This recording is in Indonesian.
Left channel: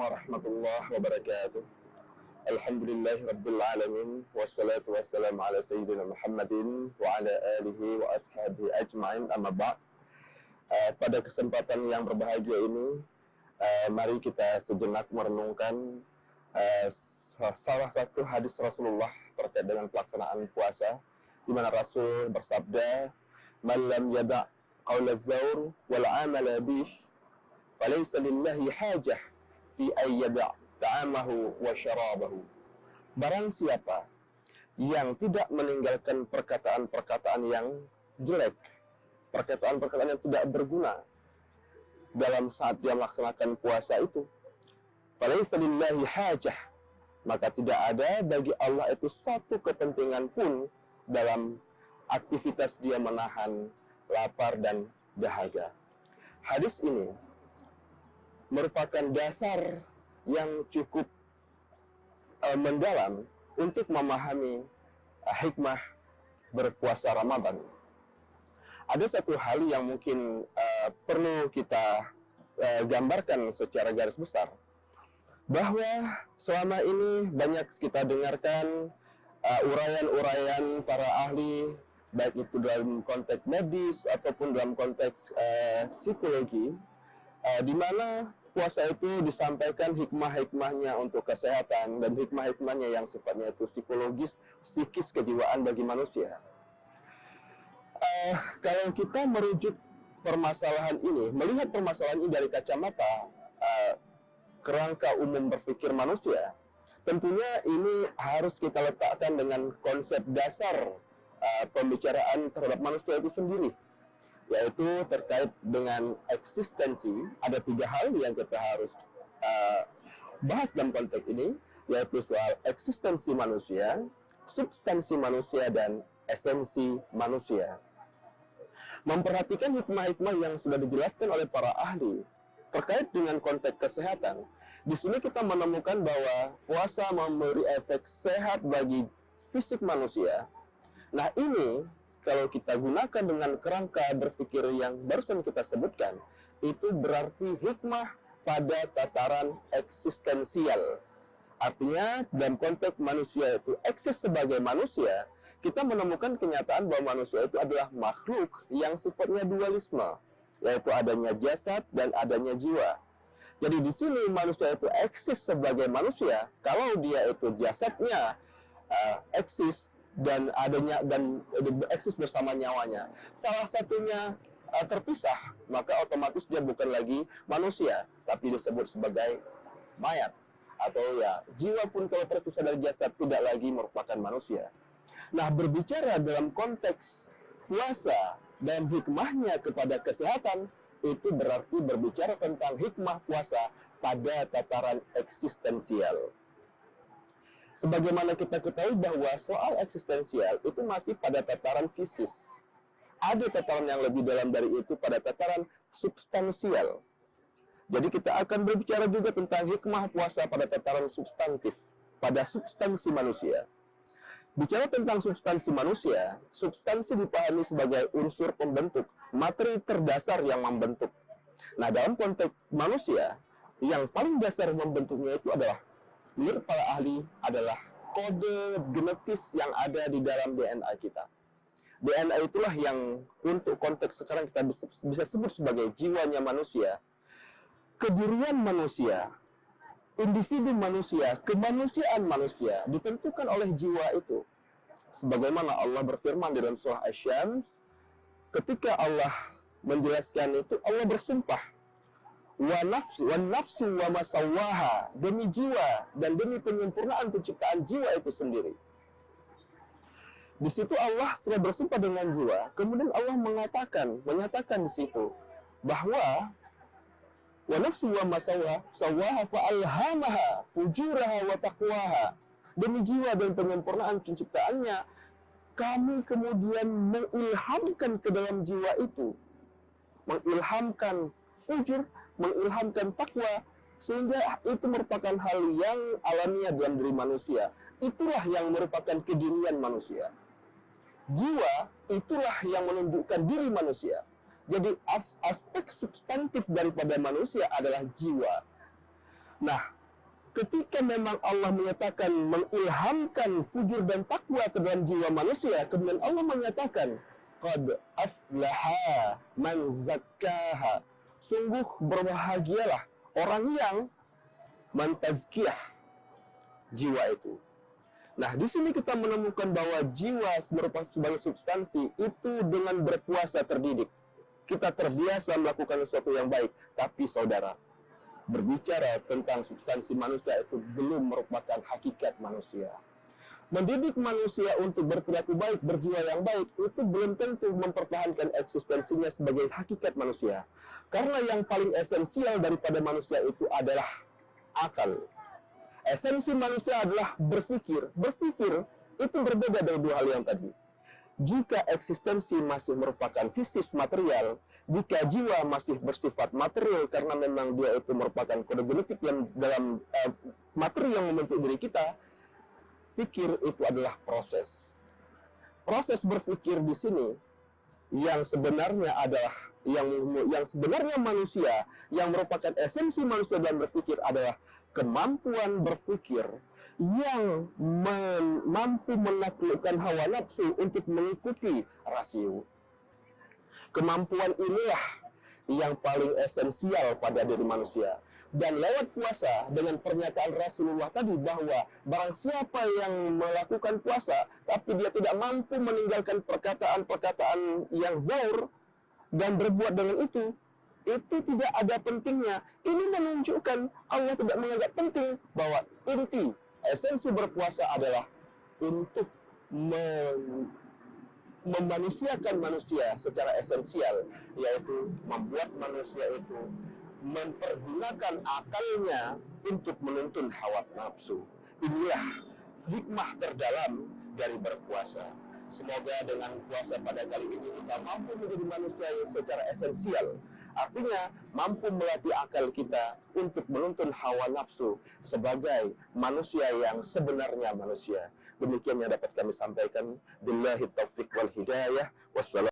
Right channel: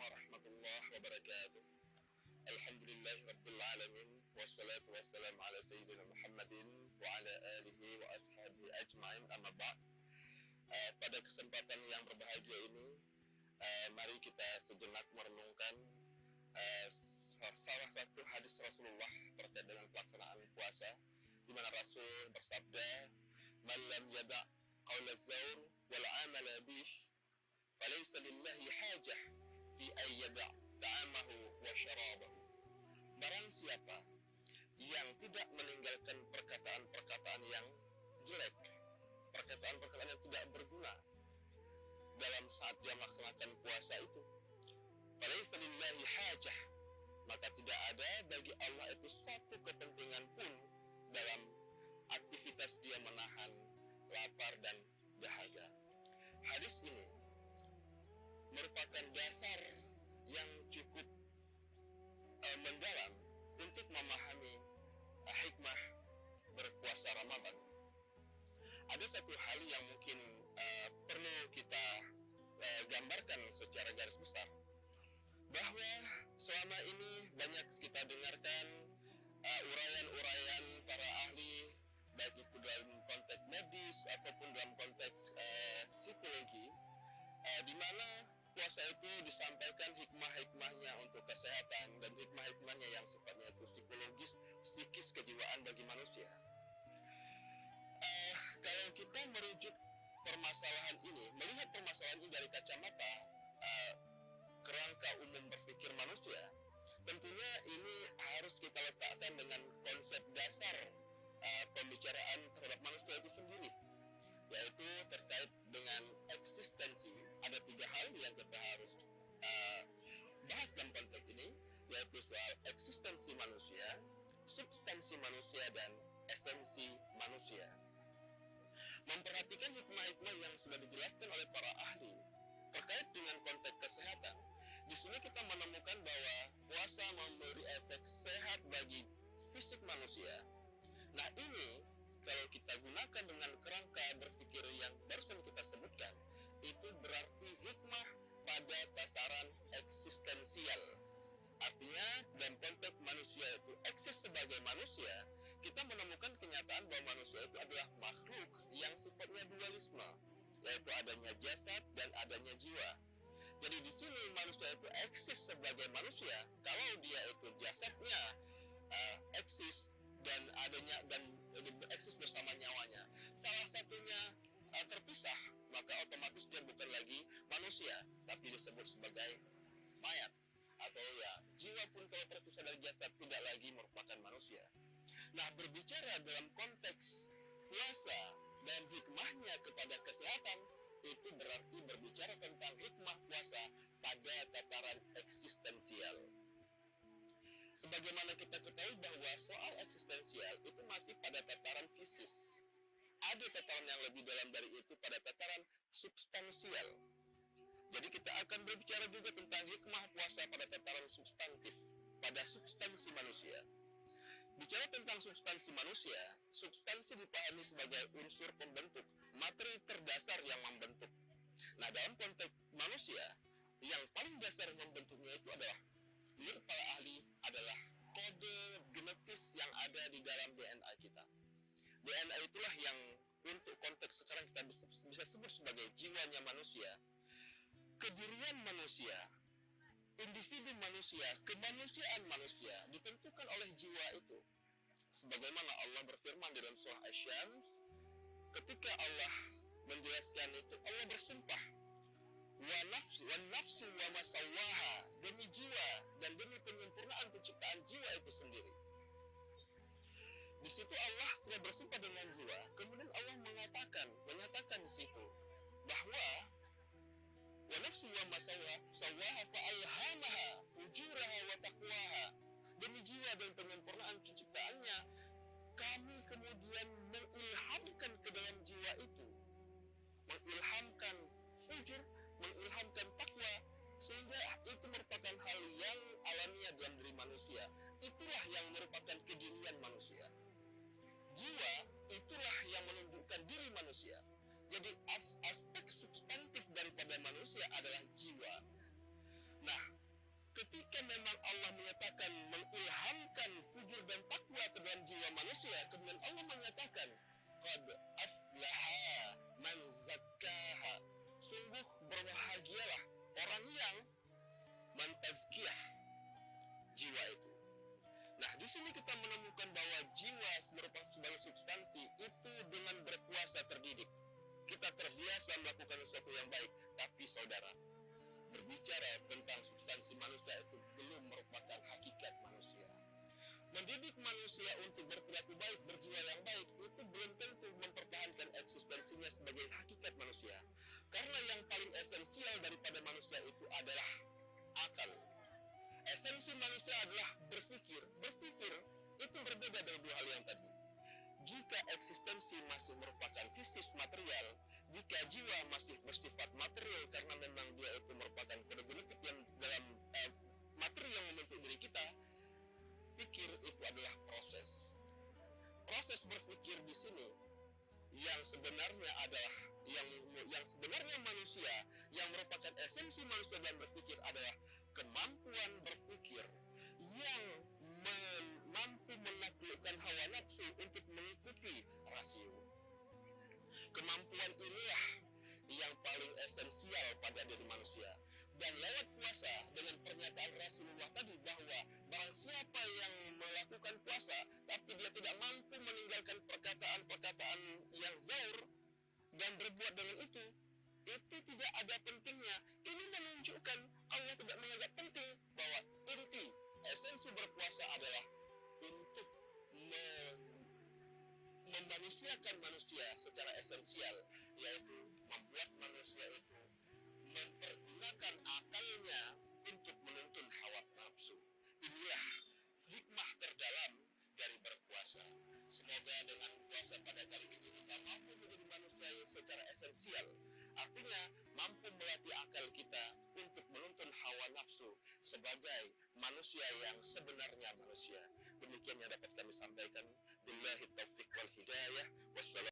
warahmatullahi wabarakatuh. Alhamdulillahi rabbil alamin. Wassalatu wassalamu ala sayyidina Muhammadin wa ala alihi wa ashabihi ajma'in, amma ba'd. Pada kesempatan yang berbahagia ini, mari kita sejenak merenungkan salah satu hadis Rasulullah terkait dengan pelaksanaan puasa, di mana Rasul bersabda, "Man lam yada' qaula dzaur wal 'amala bih, falaysa lillahi hajah fi ayyada' ta'amahu wa syarabahu." Barang siapa yang tidak meninggalkan perkataan-perkataan yang jelek, perkataan-perkataan yang tidak berguna dalam saat dia melaksanakan puasa itu, falaysa lillahi hajah, maka tidak ada bagi Allah itu satu kepentingan pun dalam aktivitas dia menahan lapar dan dahaga. Hadis ini merupakan dasar yang cukup mendalam untuk memahami hikmah berpuasa Ramadan. Ada satu hal yang mungkin perlu kita gambarkan secara garis besar, bahwa selama ini banyak kita dengarkan uraian-uraian para ahli, baik itu dalam konteks medis ataupun dalam konteks psikologi, di mana puasa itu disampaikan hikmah-hikmahnya untuk kesehatan dan hikmah-hikmahnya yang sifatnya itu psikologis, psikis, kejiwaan bagi manusia. Kalau kita merujuk permasalahan ini, melihat permasalahan ini dari kacamata kerangka umum berpikir manusia, tentunya ini harus kita letakkan dengan konsep dasar pembicaraan terhadap manusia itu sendiri, yaitu terkait dengan eksistensi. Ada 3 hal yang kita harus bahas dalam konteks ini, yaitu soal eksistensi manusia, substansi manusia, dan esensi manusia. Memperhatikan hikmah-hikmah yang sudah dijelaskan oleh para ahli terkait dengan konteks kesehatan, di sini kita menemukan bahwa puasa memberi efek sehat bagi fisik manusia. Nah, ini kalau kita gunakan dengan kerangka berpikir yang barusan kita sebutkan, itu berarti hikmah pada tataran eksistensial. Artinya, dalam konteks manusia itu eksis sebagai manusia, kita menemukan kenyataan bahwa manusia itu adalah makhluk yang sifatnya dualisme, yaitu adanya jasad dan adanya jiwa. Jadi di sini manusia itu eksis sebagai manusia kalau dia itu jasadnya eksis dan adanya dan eksis bersama nyawanya. Salah satunya terpisah, maka otomatis dia bukan lagi manusia, tapi disebut sebagai mayat. Atau ya, jiwa pun kalau terpisah dari jasad tidak lagi merupakan manusia. Nah, berbicara dalam konteks puasa dan hikmahnya kepada kesehatan, itu berarti berbicara tentang hikmah puasa pada tataran eksistensial. Sebagaimana kita ketahui bahwa soal eksistensial itu masih pada tataran fisis. Ada tataran yang lebih dalam dari itu pada tataran substansial. Jadi kita akan berbicara juga tentang hikmah puasa pada tataran substantif, pada substansi manusia. Bicara tentang substansi manusia, substansi dipahami sebagai unsur pembentuk, materi terdasar yang membentuk. Nah, dalam konteks manusia, yang paling dasar membentuknya itu adalah, menurut para ahli, adalah kode genetis yang ada di dalam DNA kita. DNA itulah yang untuk konteks sekarang kita bisa sebut sebagai jiwanya manusia, kedirian manusia, individu manusia, kemanusiaan manusia ditentukan oleh jiwa itu. Sebagaimana Allah berfirman dalam surah Asy-Syams, ketika Allah menjelaskan itu, Allah bersumpah, wa nafsi wa ma sawwaha, demi jiwa dan demi penyempurnaan penciptaan jiwa itu sendiri. Di situ Allah sudah bersumpah dengan jiwa, kemudian Allah menyatakan di situ bahwa wa nafsi wa ma sawwaha fa alhamaha fujuraha wa taqwaha, demi jiwa dan penyempurnaan penciptaannya, kami kemudian mengilhamkan ke dalam jiwa itu, mengilhamkan fujur, mengilhamkan takwa, sehingga itu merupakan hal yang alamiah dalam diri manusia. Itulah yang merupakan kedirian manusia. Jiwa itulah yang menunjukkan diri manusia. Jadi aspek substantif daripada manusia adalah jiwa. Nah, ketika memang Allah menyatakan mengilhamkan fujur dan takwa ke dalam jiwa manusia, kemudian Allah menyatakan qad aflaha man zakkaha, sungguh berbahagialah orang yang mentazkiyah jiwa itu. Nah, di sini kita menemukan bahwa jiwa merupakan sebagai substansi itu dengan berpuasa terdidik. Kita terbiasa melakukan sesuatu yang baik, tapi saudara, berbicara tentang substansi manusia itu belum merupakan hakikat manusia. Mendidik manusia untuk berperilaku baik, berjiwa yang baik, itu belum tentu mempertahankan eksistensinya sebagai hakikat manusia. Karena yang paling esensial daripada manusia itu adalah akal. Esensi manusia adalah berpikir. Berpikir itu berbeda dari dua hal yang tadi. Jika eksistensi masih merupakan fisis material, jika jiwa masih bersifat material karena memang dia itu merupakan kode genetik yang dalam materi yang membentuk diri kita, pikir itu adalah proses. Proses berpikir di sini yang sebenarnya adalah yang sebenarnya manusia, yang merupakan esensi manusia dalam berpikir adalah kemampuan berpikir yang mampu menaklukkan hawa nafsu untuk mengikuti rasio. Kemampuan inilah yang paling esensial pada diri manusia. Dan lewat puasa, dengan pernyataan Rasulullah tadi bahwa barang siapa yang melakukan puasa tapi dia tidak mampu meninggalkan perkataan-perkataan yang zaur dan berbuat dengan itu tidak ada pentingnya. Ini menunjukkan Allah tidak menganggap penting bahwa inti esensi berpuasa adalah untuk memanusiakan manusia secara esensial, yaitu membuat manusia itu mempergunakan akalnya untuk menuntun hawa nafsu. Inilah hikmah terdalam dari berpuasa. Semoga dengan puasa pada kali ini kita mampu menjadi manusia yang secara esensial. Artinya mampu melatih akal kita untuk menuntun hawa nafsu sebagai manusia yang sebenarnya manusia. Demikian yang dapat kami sampaikan. Billahi taufiq wal hidayah. Wassalamualaikum.